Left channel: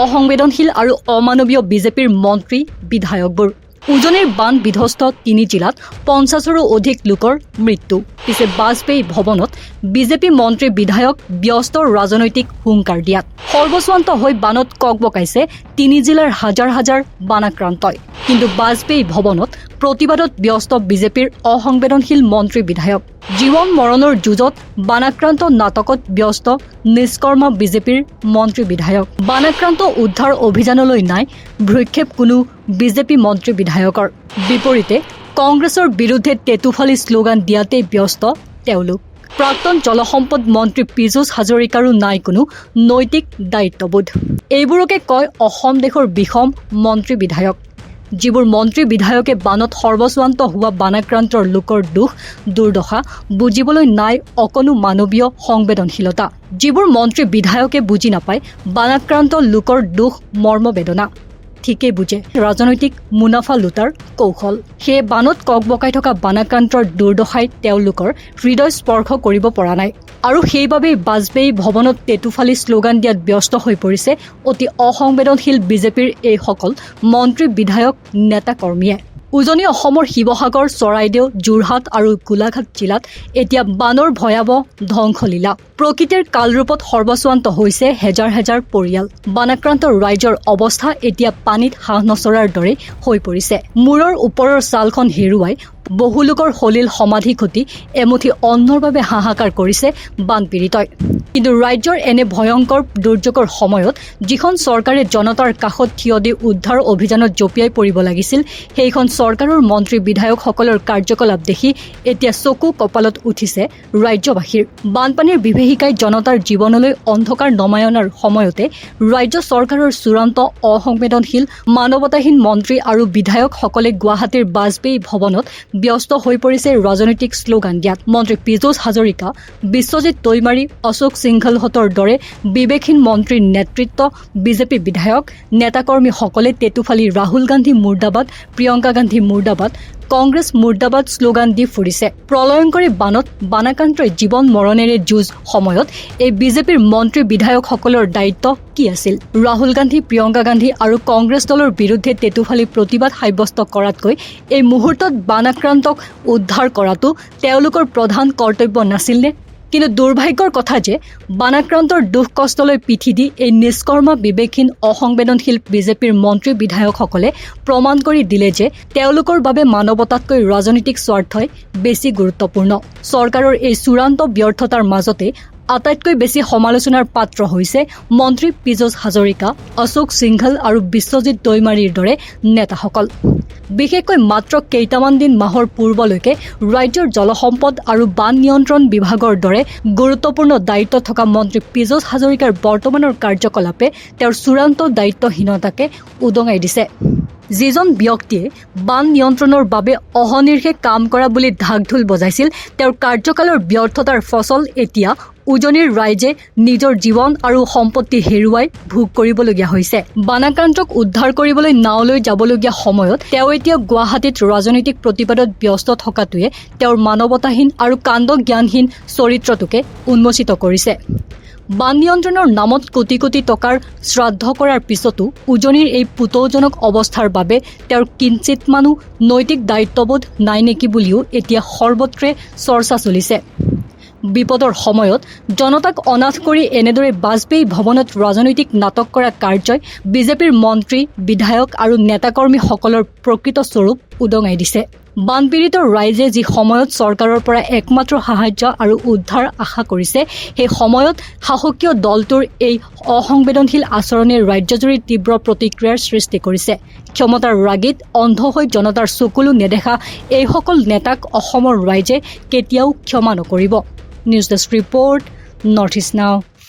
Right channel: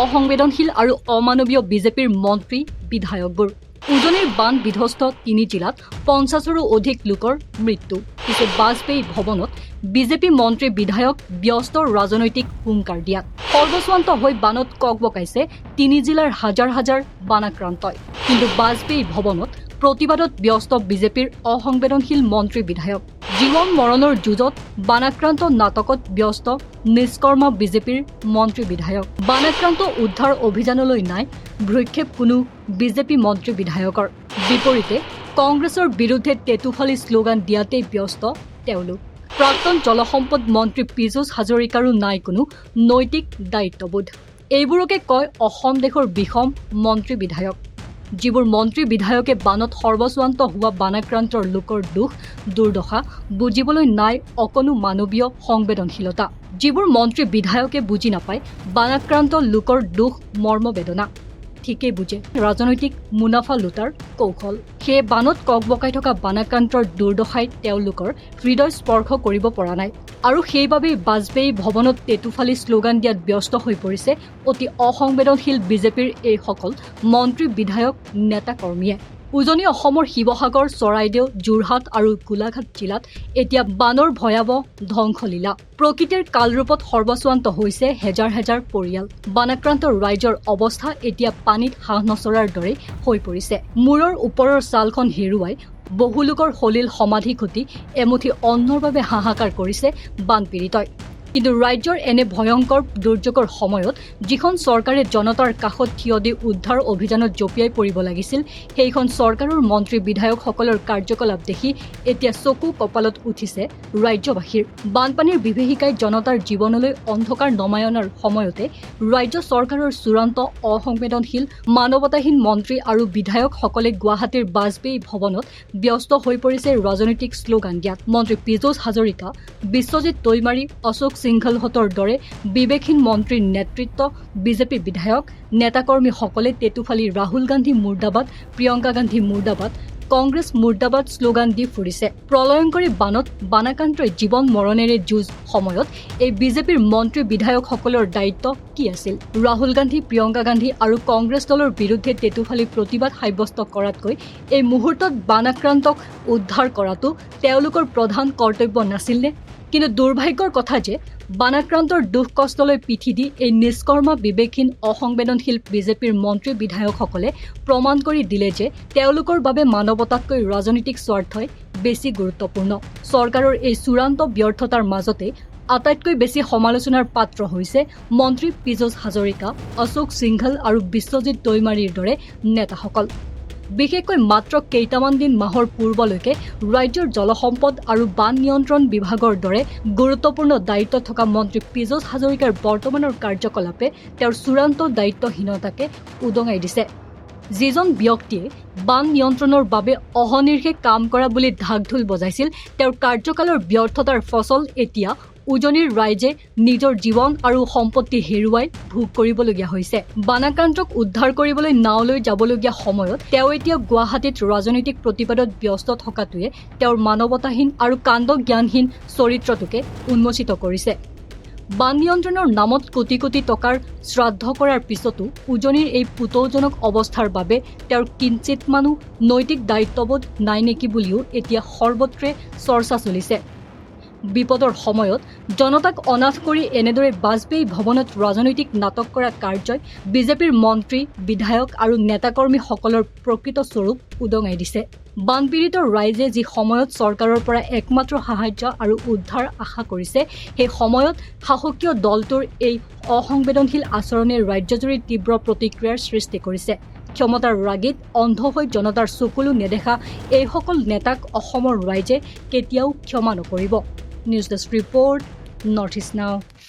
অসংবেদনশীল আৰু অমানৱীয় বিজেপিৰ মন্ত্ৰী বিধায়কবোৰ উজনিৰ বান বিধ্বস্ত 3 জিলাত 50ৰো অধিক লোকৰ মৃত্যু পিছে বাজপেয়ী ভৱনত বিজেপি মন্ত্ৰী বিধায়ক ব্যস্ত ৰাজনৈতিক হুংকাৰ দিয়াত সৰ্বস্বান্ত হৈ বানত ককবকাইছে 3 জিলাৰ হাজাৰ হাজাৰ বানাক্ৰান্তই কিন্তু বাজপেয়ী ভৱনত প্ৰতিবাদত ব্যস্ত বিজেপিৰ অসংবেদনশীল মন্ত্ৰী বিধায়ক জীৱন মৰণৰ যুঁজত বানাক্ৰান্ত নাটকত ব্যস্ত নিষ্কৰ্ম বিজেপিৰ মন্ত্ৰী বিধায়ক বানাক্ৰান্ত উদ্ধাৰ অভিযানলৈ নাই ভ্ৰক্ষেপ কোনো বিজেপি মন্ত্ৰী বিধায়কৰ বিপৰীতে কংগ্ৰেছৰ বিৰুদ্ধে টেটুফালি শ্লোগান দিয়াতেই ব্যস্ত তেওঁলোক প্ৰাক্তন জলসম্পদ মন্ত্ৰী পীযুষ হাজৰিকাৰো নাই কোনো নৈতিক দায়িত্ববোধ এইবোৰকে কয় অসম দেশৰ বিষম মন্ত্ৰী বিধায়ক যিবোৰ মন্ত্ৰী বিধায়কে বানত সৰ্বস্বান্ত হোৱা বানাক্ৰান্তৰ লোকৰ দুখ দুৰ্দশা বুজিবলৈ নাই অকণো মানৱীয় সংবেদনশীলতা যিবোৰ মন্ত্ৰী বিধায়কে বুজি নাপায় বানাক্ৰান্ত লোকৰ দুখ মৰ্মবেদনা ঠিকেই বুজে ৰাজনৈতিক মুনাফা লুটাৰ কৌশল সেই বানত ককবকাই থকা বানাক্ৰান্তৰ দুৰ্দশাই তেওঁলোকৰ হৃদয় স্পৰ্শ কৰিব পৰা নাই আৰু সেইবাবেই বাজপেয়ী ভৱনত টেটুফালি শ্লোগান দিয়াত ব্যস্ত হৈ পৰিছে অতি অসংবেদনশীল বিজেপিৰ এইসকল মন্ত্ৰী বিধায়ক নেতা কৰ্মীয়ে উজনি অসমৰ শিৱসাগৰ চৰাইদেউ যোৰহাট আৰু গোলাঘাট জিলাত এতিয়া বানৰ ভয়াৱহ ধ্বংসলীলা প্ৰকৃতিৰ কালৰূপত সৰ্বস্বান্ত হৈছে হেজাৰ হেজাৰ পৰিয়াল বানাক্ৰান্ত ৰাইজৰ অৱস্থা এতিয়া পানীত হাঁহ নচৰাৰ দৰে হৈ পৰিছে মূৰৰ ওপৰৰ ছালখন হেৰুৱাই বহু লোকৰ সলিল সমাধি ঘটি এমুঠি অন্নৰ বাবে হাহাকাৰ কৰিছে বানপীড়িতই কিন্তু ৰাজ্যৰ এনে ভয়ংকৰ দুৰ্যোগৰ সময়ত যিখন চৰকাৰে জনতাৰ কাষত থিয় দি উদ্ধাৰ অভিযানত জঁপিয়াই পৰিব লাগিছিল সেইখন চৰকাৰৰ মন্ত্ৰী বিধায়কসকলৰ কাৰ্যকলাপ দেখি এতিয়া চকু কপালত উঠিছে ৰাজ্যবাসীৰ বানপানীৰ বিভীষিকাই জনতাৰ জীৱনলৈ অন্ধকাৰ নমাই অনাৰ সময়তে ৰাজ্য চৰকাৰৰ চূড়ান্ত অসংবেদনশীল মানৱতাহীন মন্ত্ৰী আৰু বিধায়কসকলে গুৱাহাটীৰ বাজপেয়ী ভৱনত ব্যস্ত হৈ পৰিছে ৰাজনৈতিক শ্লোগান দিয়াত মন্ত্ৰী পীযুষ হাজৰিকা বিশ্বজিৎ দৈমাৰী অশোক সিংঘলহঁতৰ দৰে বিবেকহীন মন্ত্ৰীৰ নেতৃত্ব বিজেপি বিধায়ক নেতাকৰ্মীসকলে টেটুফালি ৰাহুল গান্ধী মুৰ্দাবাদ প্ৰিয়ংকা গান্ধী মুৰ্দাবাদ কংগ্ৰেছ মুৰ্দাবাদ শ্লোগান দি ফুৰিছে প্ৰলয়ংকৰী বানত বানাক্ৰান্তৰ জীৱন মৰণেৰে যুঁজ সময়ত এই বিজেপিৰ মন্ত্ৰী বিধায়কসকলৰ দায়িত্ব কি আছিল ৰাহুল গান্ধী প্ৰিয়ংকা গান্ধী আৰু কংগ্ৰেছ দলৰ বিৰুদ্ধে টেটুফালি প্ৰতিবাদ সাব্যস্ত কৰাতকৈ এই মুহূৰ্তত বানাক্ৰান্তক উদ্ধাৰ কৰাটো তেওঁলোকৰ প্ৰধান কৰ্তব্য নাছিলনে কিন্তু দুৰ্ভাগ্যৰ কথা যে বানাক্ৰান্তৰ দুখ কষ্টলৈ পিঠি দি এই নিষ্কৰ্মা বিবেকহীন অসংবেদনশীল বিজেপিৰ মন্ত্ৰী বিধায়কসকলে প্ৰমাণ কৰি দিলে যে তেওঁলোকৰ বাবে মানৱতাতকৈ ৰাজনৈতিক স্বাৰ্থই বেছি গুৰুত্বপূৰ্ণ চৰকাৰৰ এই চূড়ান্ত ব্যৰ্থতাৰ মাজতে আটাইতকৈ বেছি সমালোচনাৰ পাত্ৰ হৈছে মন্ত্ৰী পীযুষ হাজৰিকা অশোক সিংঘল আৰু বিশ্বজিৎ দৈমাৰীৰ দৰে নেতাসকল বিশেষকৈ মাত্ৰ কেইটামান দিন মাহৰ পূৰ্বলৈকে ৰাজ্যৰ জলসম্পদ আৰু বান নিয়ন্ত্ৰণ বিভাগৰ দৰে গুৰুত্বপূৰ্ণ দায়িত্ব থকা মন্ত্ৰী পীযুষ হাজৰিকাৰ বৰ্তমানৰ কাৰ্যকলাপে তেওঁৰ চূড়ান্ত দায়িত্বহীনতাকে উদঙাই দিছে যিজন ব্যক্তিয়ে বান নিয়ন্ত্ৰণৰ বাবে অহনিৰ্ষে কাম কৰা বুলি ঢাকঢোল বজাইছিল তেওঁৰ কাৰ্যকালৰ ব্যৰ্থতাৰ ফচল এতিয়া উজনিৰ ৰাইজে নিজৰ জীৱন আৰু সম্পত্তি হেৰুৱাই ভোগ কৰিবলগীয়া হৈছে বানাক্ৰান্তক উদ্ধাৰ কৰিবলৈ নাওলৈ যাবলগীয়া সময়ত তেওঁ এতিয়া গুৱাহাটীত ৰাজনৈতিক প্ৰতিবাদত ব্যস্ত থকাটোৱে তেওঁৰ মানৱতাহীন আৰু কাণ্ড জ্ঞানহীন চৰিত্ৰটোকে উন্মোচিত কৰিছে বান নিয়ন্ত্ৰণৰ নামত কোটি কোটি টকাৰ শ্ৰাদ্ধ কৰাৰ পিছতো উজনিৰ এই পুতৌজনক অৱস্থাৰ বাবে তেওঁৰ কিঞ্চিত মানুহ নৈতিক দায়িত্ববোধ নাই নেকি বুলিও এতিয়া সৰ্বত্ৰে চৰ্চা চলিছে বিপদৰ সময়ত জনতাক অনাথ কৰি এনেদৰে বাজপেয়ী ভৱনত ৰাজনৈতিক নাটক কৰা কাৰ্যই বিজেপিৰ মন্ত্ৰী বিধায়ক আৰু নেতাকৰ্মীসকলৰ প্ৰকৃত স্বৰূপ উদঙাই দিছে বানপীড়িত ৰাইজে যি সময়ত চৰকাৰৰ পৰা একমাত্ৰ সাহায্য আৰু উদ্ধাৰ আশা কৰিছে সেই সময়ত শাসকীয় দলটোৰ এই অসংবেদনশীল আচৰণে ৰাজ্যজুৰি তীব্ৰ প্ৰতিক্ৰিয়াৰ সৃষ্টি কৰিছে ক্ষমতাৰ ৰাগিত অন্ধ হৈ জনতাৰ চকুলো নেদেখা এইসকল নেতাক অসমৰ ৰাইজে কেতিয়াও ক্ষমা নকৰিব news desk report north east নাও